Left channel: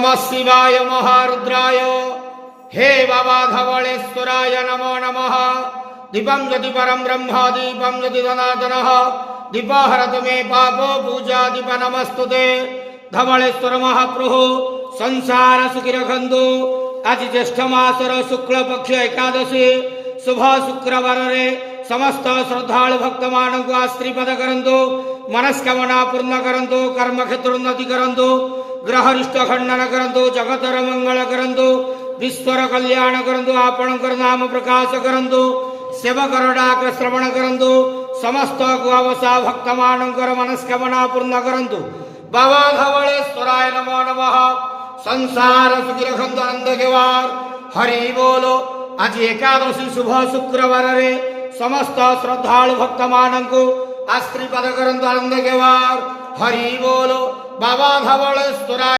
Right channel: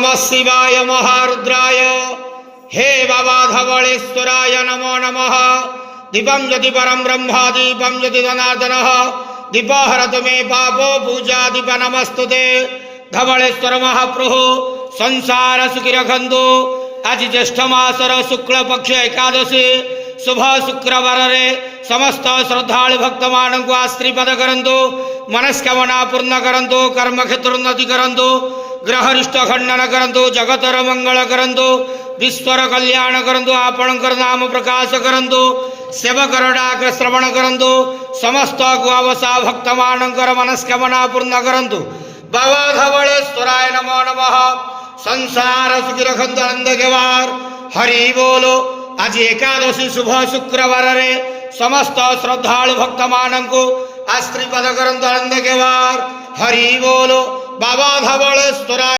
नमः शिवाय महारुद्राय। हे बाबा धवलेश्वराय नमो नमः। दीपं ज्योति परं ब्रह्म दीपं ज्योति जनार्दनः दीपहरतु मे पापो पूजा दीप नमस्तुते। धवलेश्वर महाप्रभु संसार सुखी रखंतु। आज ज्येष्ठ मासर शुक्ल पक्ष एकादशी शुभ शुक्रवार रे समस्त श्रद्धालु भक्त मान को आशीर्वाद करंतु। मनस्कामना पूर्ण करंतु। कर्म क्षेत्र उन्नति करंतु। ग्रहरिष्ट खंडन करंतु। जगतर मंगल करंतु। विश्वर कल्याण करंतु। आपणकर नाम प्रकाश करंतु। सेवकर डाक श्रवण करंतु। समस्त गुआवसा भक्त मानकर मनस्कामना पूर्ण करंतु। बाबा धवलेश्वराय नमो नमः। संसार सुखी रखंतु आनंद केवार। हरि बोलो। आज एकादशी शुभ शुक्रवार रे समस्त श्रद्धालु भक्त मानंकु आशीर्वाद करंतु आनंद केवार। हरि बोलो। बाबा धवलेश्वराय।